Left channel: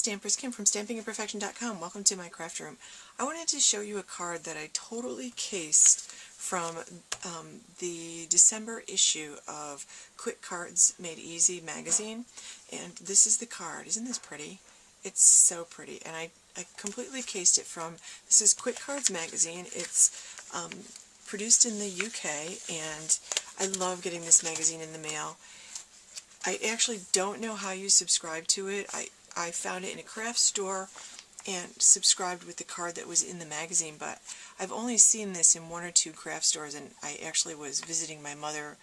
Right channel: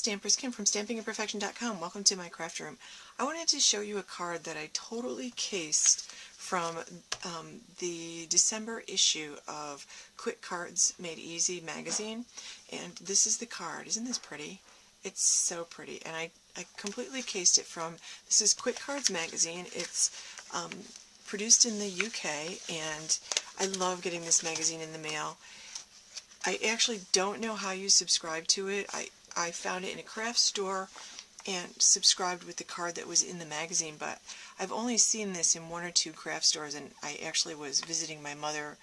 Stampers Kim from StampingImperfection.com. Welcome to my craft room. I wanted to show you a card that I totally cased from the December issue of Quick Cards Made Easy magazine. And this is the card. Isn't this pretty? It's so pretty. And I completely cased it from, this is Quick Cards magazine. It's produced in the UK, and I love getting this magazine in the mail. I actually don't know how you subscribe to it. I found it in a craft store and subscribed with the card that was in the magazine, but I've only seen this in one or two craft stores, and I actually was visiting my mother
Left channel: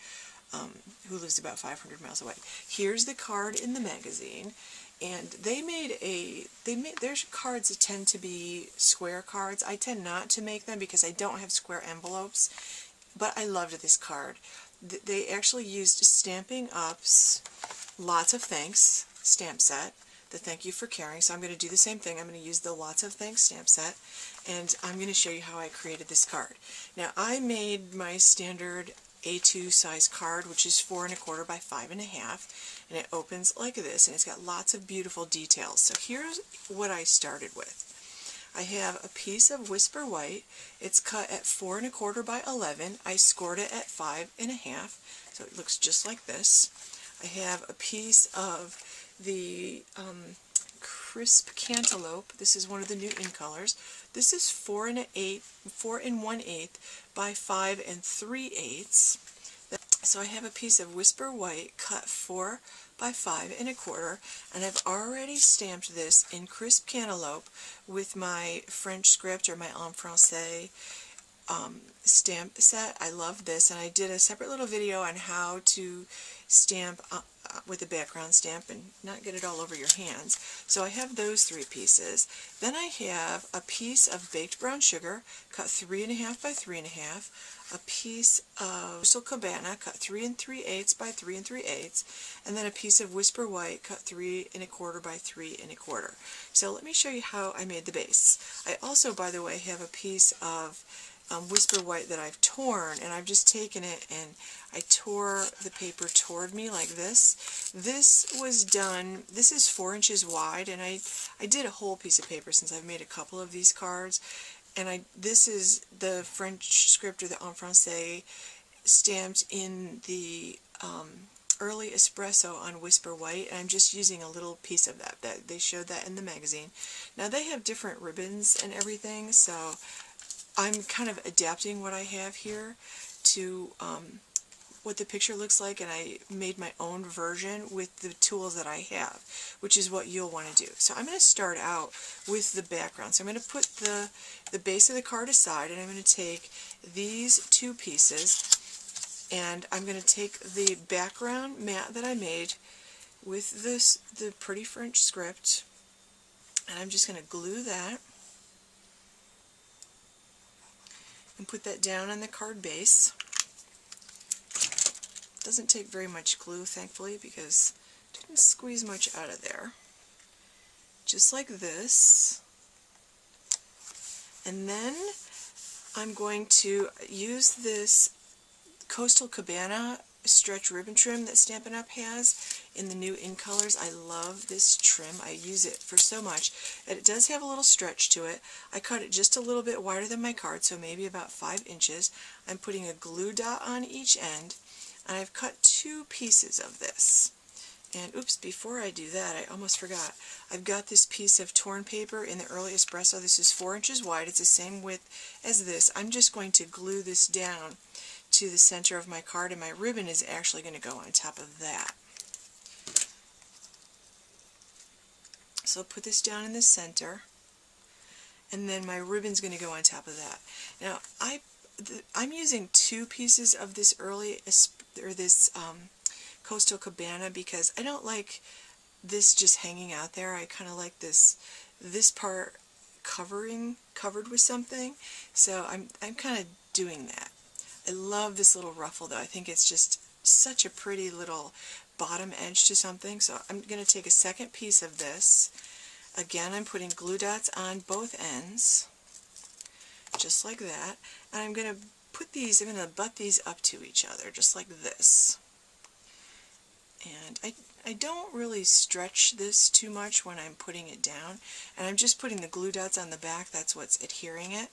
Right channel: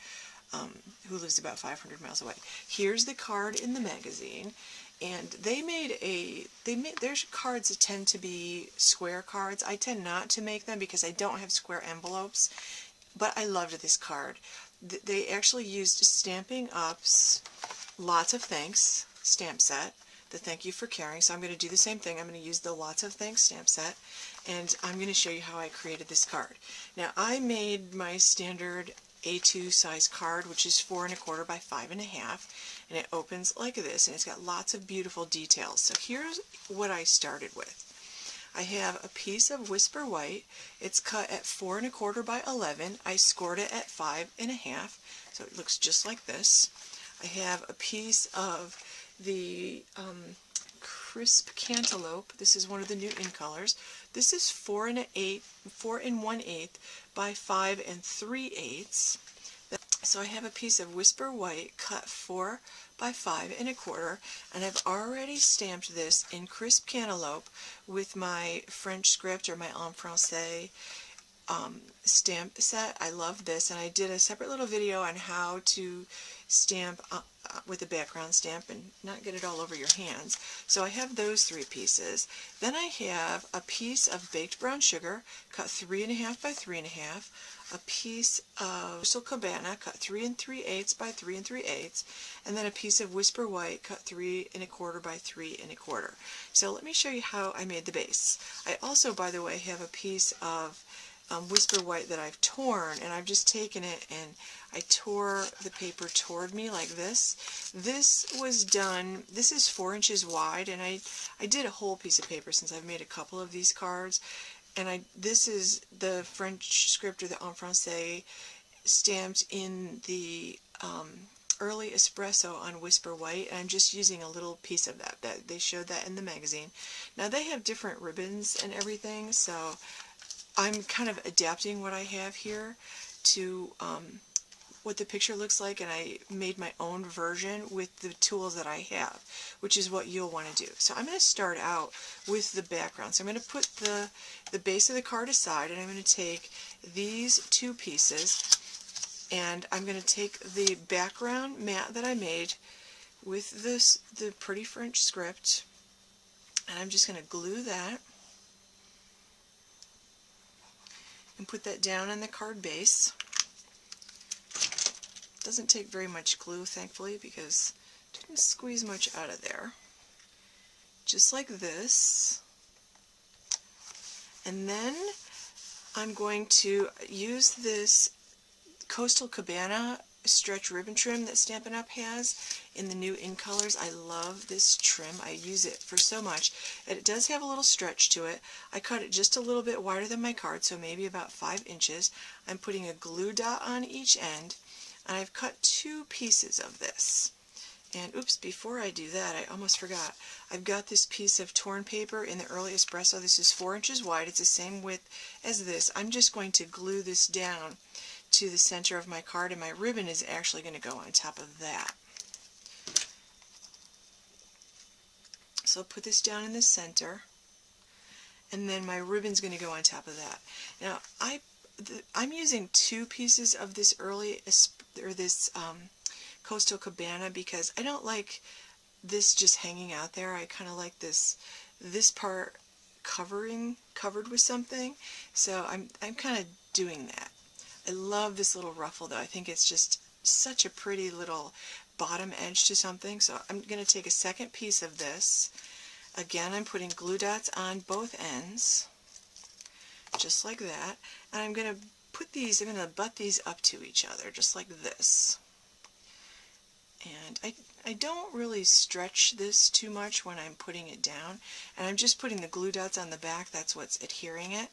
who lives about 500 miles away. Here's the card in the magazine, and their cards that tend to be square cards. I tend not to make them because I don't have square envelopes, but I loved this card. They actually used Stampin' Up's Lots of Thanks stamp set, the Thank You for Caring. So I'm going to do the same thing. I'm going to use the Lots of Thanks stamp set, and I'm going to show you how I created this card. Now, I made my standard A2 size card, which is 4 1/4 by 5 1/2, and it opens like this, and it's got lots of beautiful details. So here's what I started with. I have a piece of Whisper White. It's cut at 4 1/4 by 11. I scored it at 5 1/2, so it looks just like this. I have a piece of the Crisp Cantaloupe. This is one of the new in colors. This is 4 1/8 by 5 3/8. So I have a piece of Whisper White cut 4 by 5 1/4, and I've already stamped this in Crisp Cantaloupe with my French script, or my en français stamp set. I love this, and I did a separate little video on how to stamp with a background stamp and not get it all over your hands. So I have those 3 pieces. Then I have a piece of baked brown sugar cut 3 1/2 by 3 1/2, a piece of Crystal Cabana cut 3 3/8 by 3 3/8, and then a piece of Whisper White cut 3 1/4 by 3 1/4. So let me show you how I made the base. I also, by the way, have a piece of Whisper White that I've torn, and I've just taken it and I tore the paper toward me like this. This was done, this is 4 inches wide, and I did a whole piece of paper since I've made a couple of these cards, and this is the French script, or the en français, stamped in the early espresso on Whisper White, and I'm just using a little piece of that. They showed that in the magazine. Now they have different ribbons and everything, so I'm kind of adapting what I have here to what the picture looks like, and I made my own version with the tools that I have, which is what you'll want to do. So I'm going to start out with the background. So I'm going to put the base of the card aside, and I'm going to take these 2 pieces, and I'm going to take the background mat that I made with the pretty French script, and I'm just going to glue that and put that down on the card base. Doesn't take very much glue, thankfully, because it didn't squeeze much out of there. Just like this. And then I'm going to use this Coastal Cabana stretch ribbon trim that Stampin' Up! Has in the new in colors. I love this trim. I use it for so much. And it does have a little stretch to it. I cut it just a little bit wider than my card, so maybe about 5 inches. I'm putting a glue dot on each end, and I've cut 2 pieces of this. And oops, before I do that, I almost forgot. I've got this piece of torn paper in the early espresso. This is 4 inches wide. It's the same width as this. I'm just going to glue this down to the center of my card, and my ribbon is actually going to go on top of that. So I'll put this down in the center, and then my ribbon's going to go on top of that. Now I'm using 2 pieces of this Coastal Cabana because I don't like this just hanging out there. I kind of like this part covered with something. So I'm kind of doing that. I love this little ruffle, though. I think it's just such a pretty little bottom edge to something. So I'm going to take a second piece of this. Again, I'm putting glue dots on both ends, just like that. And I'm going to butt these up to each other, just like this. And I don't really stretch this too much when I'm putting it down, and I'm just putting the glue dots on the back. That's what's adhering it.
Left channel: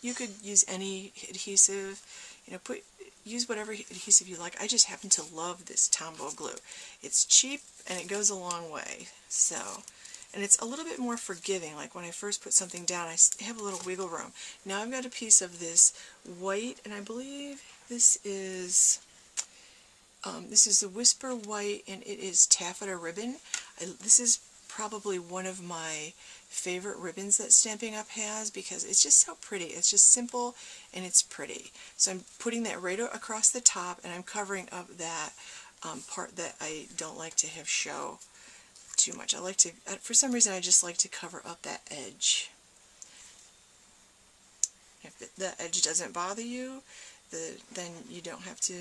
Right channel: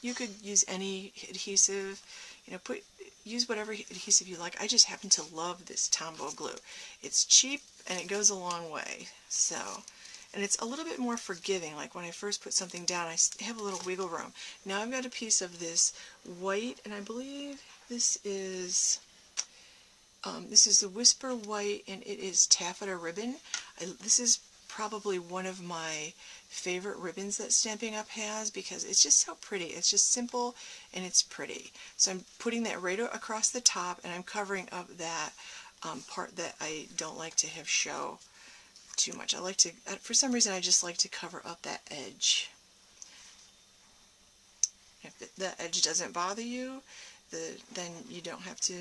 You could use any adhesive, you know, use whatever adhesive you like. I just happen to love this Tombow glue. It's cheap and it goes a long way. So, and it's a little bit more forgiving. Like when I first put something down, I have a little wiggle room. Now I've got a piece of this white, and I believe this is the Whisper White, and it is taffeta ribbon. This is probably one of my favorite ribbons that Stampin' Up! Has, because it's just so pretty. It's just simple and it's pretty. So I'm putting that right across the top, and I'm covering up that part that I don't like to have show too much. I like to, for some reason, I just like to cover up that edge. If the edge doesn't bother you, then you don't have to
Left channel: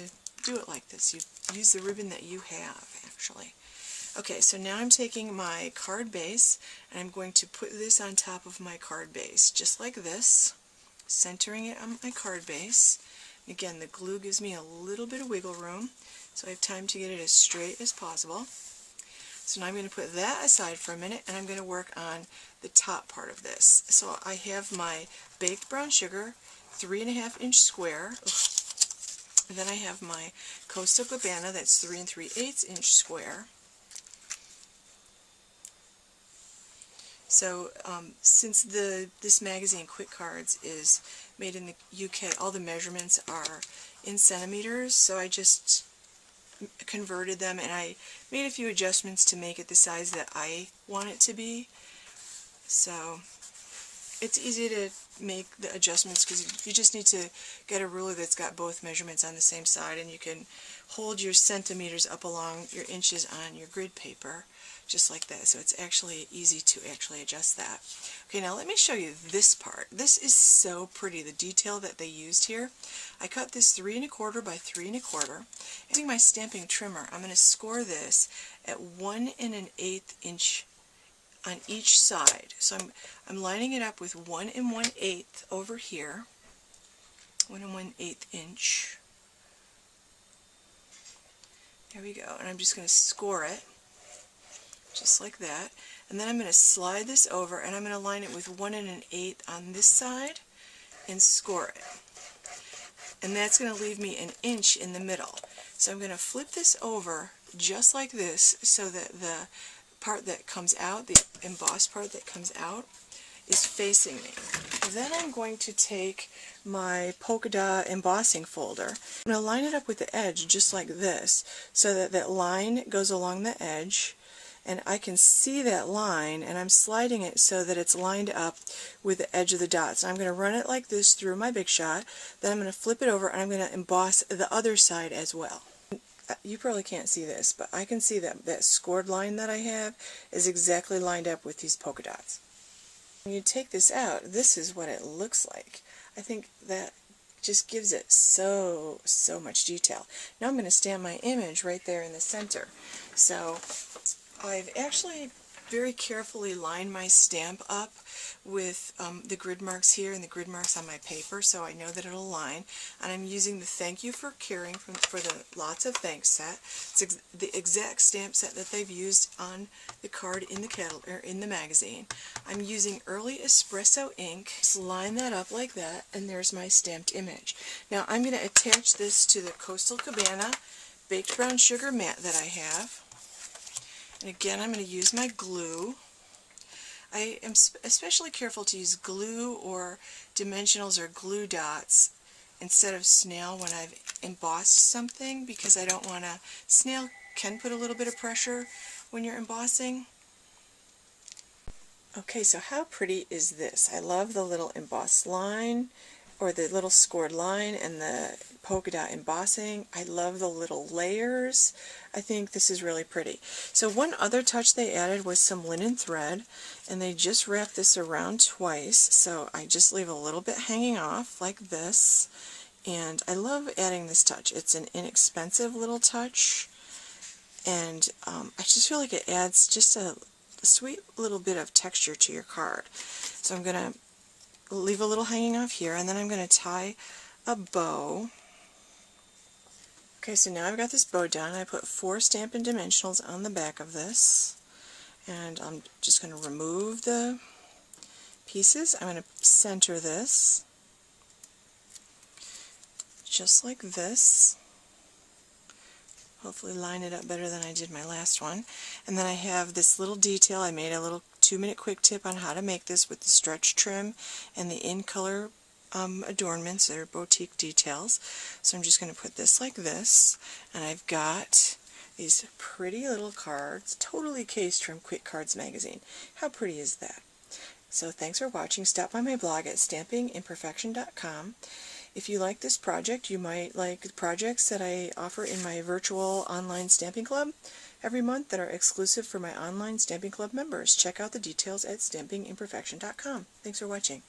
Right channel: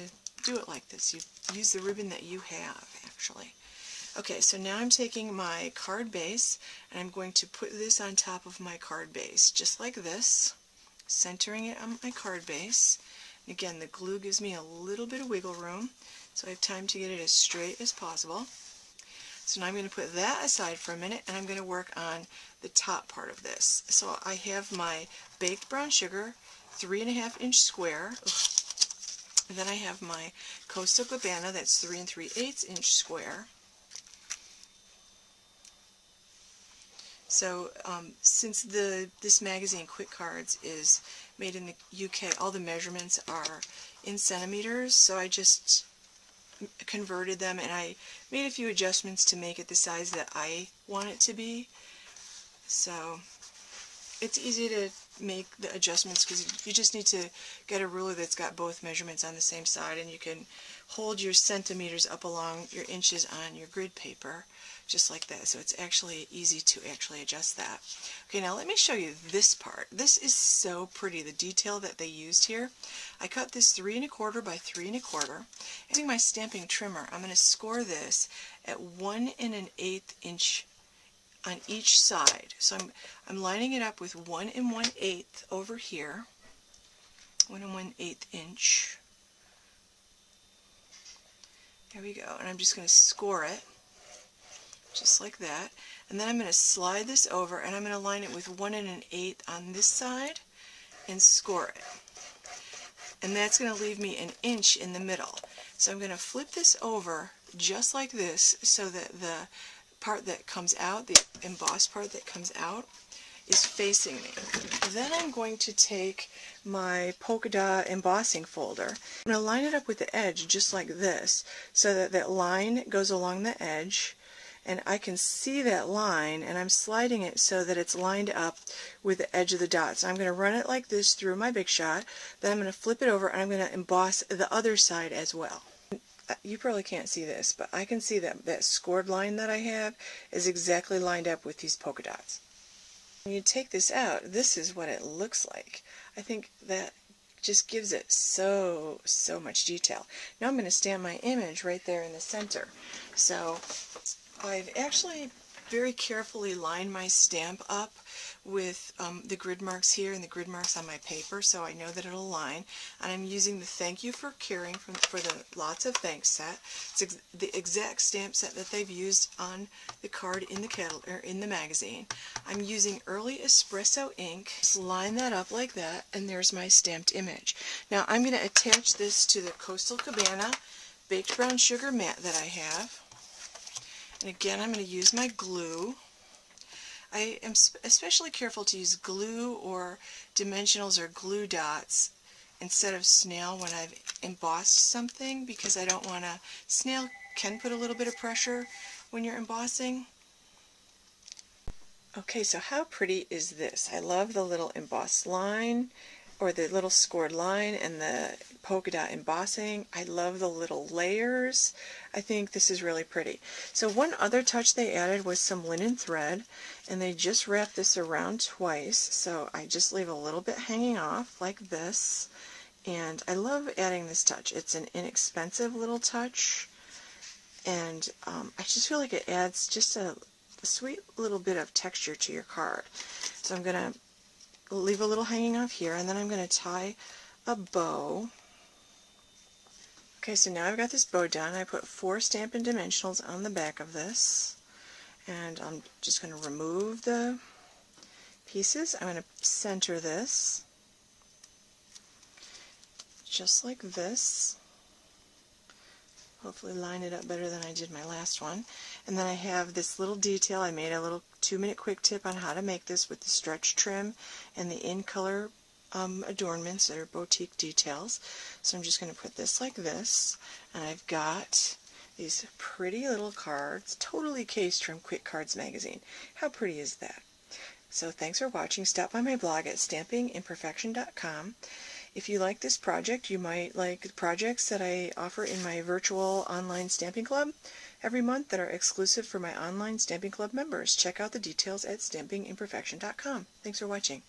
do it like this. You use the ribbon that you have, actually. Okay, so now I'm taking my card base, and I'm going to put this on top of my card base, just like this, centering it on my card base. Again, the glue gives me a little bit of wiggle room, so I have time to get it as straight as possible. So now I'm going to put that aside for a minute, and I'm going to work on the top part of this. So I have my baked brown sugar, 3.5-inch square. And then I have my Coastal Cabana, that's 3 3/8-inch square. So since this magazine, Quick Cards, is made in the UK, all the measurements are in centimeters, so I just converted them, and I made a few adjustments to make it the size that I want it to be. So it's easy to make the adjustments because you just need to get a ruler that's got both measurements on the same side, and you can hold your centimeters up along your inches on your grid paper just like that. So it's actually easy to actually adjust that. Okay, now let me show you this part. This is so pretty, the detail that they used here. I cut this 3 1/4 by 3 1/4. Using my stamping trimmer, I'm going to score this at 1 1/8 inch on each side. So I'm lining it up with 1 1/8 over here, 1 1/8 inch. There we go. And I'm just going to score it just like that. And then I'm going to slide this over, and I'm going to line it with 1 1/8 on this side and score it. And that's going to leave me an inch in the middle. So I'm going to flip this over just like this, so that the part that comes out, the embossed part that comes out, is facing me. Then I'm going to take my polka dot embossing folder. I'm going to line it up with the edge just like this, so that that line goes along the edge, and I can see that line, and I'm sliding it so that it's lined up with the edge of the dot. So I'm going to run it like this through my Big Shot, then I'm going to flip it over, and I'm going to emboss the other side as well. You probably can't see this, but I can see that that scored line that I have is exactly lined up with these polka dots. When you take this out, this is what it looks like. I think that just gives it so much detail. Now I'm going to stamp my image right there in the center. So I've actually very carefully lined my stamp up with the grid marks here and the grid marks on my paper, so I know that it'll align. And I'm using the Thank You for Caring for the Lots of Thanks set. It's the exact stamp set that they've used on the card in the catalog, or in the magazine. I'm using Early Espresso ink. Just line that up like that, and there's my stamped image. Now I'm going to attach this to the Coastal Cabana baked brown sugar mat that I have. And again, I'm going to use my glue. I am especially careful to use glue or dimensionals or glue dots instead of snail when I've embossed something, because I don't want to, snail can put a little bit of pressure when you're embossing. Okay, so how pretty is this? I love the little embossed line, or the little scored line, and the polka dot embossing. I love the little layers. I think this is really pretty. So one other touch they added was some linen thread, and they just wrapped this around twice, so I just leave a little bit hanging off like this. And I love adding this touch. It's an inexpensive little touch, and I just feel like it adds just a sweet little bit of texture to your card. So I'm going to leave a little hanging off here, and then I'm going to tie a bow. Okay, so now I've got this bow done. I put 4 Stampin' Dimensionals on the back of this, and I'm just going to remove the pieces. I'm going to center this just like this. Hopefully line it up better than I did my last one. And then I have this little detail. I made a little 2-minute quick tip on how to make this with the stretch trim and the in-color adornments that are boutique details. So I'm just going to put this like this, and I've got these pretty little cards, totally cased from Quick Cards magazine. How pretty is that? So thanks for watching. Stop by my blog at stampingimperfection.com. If you like this project, you might like the projects that I offer in my virtual online stamping club every month that are exclusive for my online stamping club members. Check out the details at stampingimperfection.com. Thanks for watching.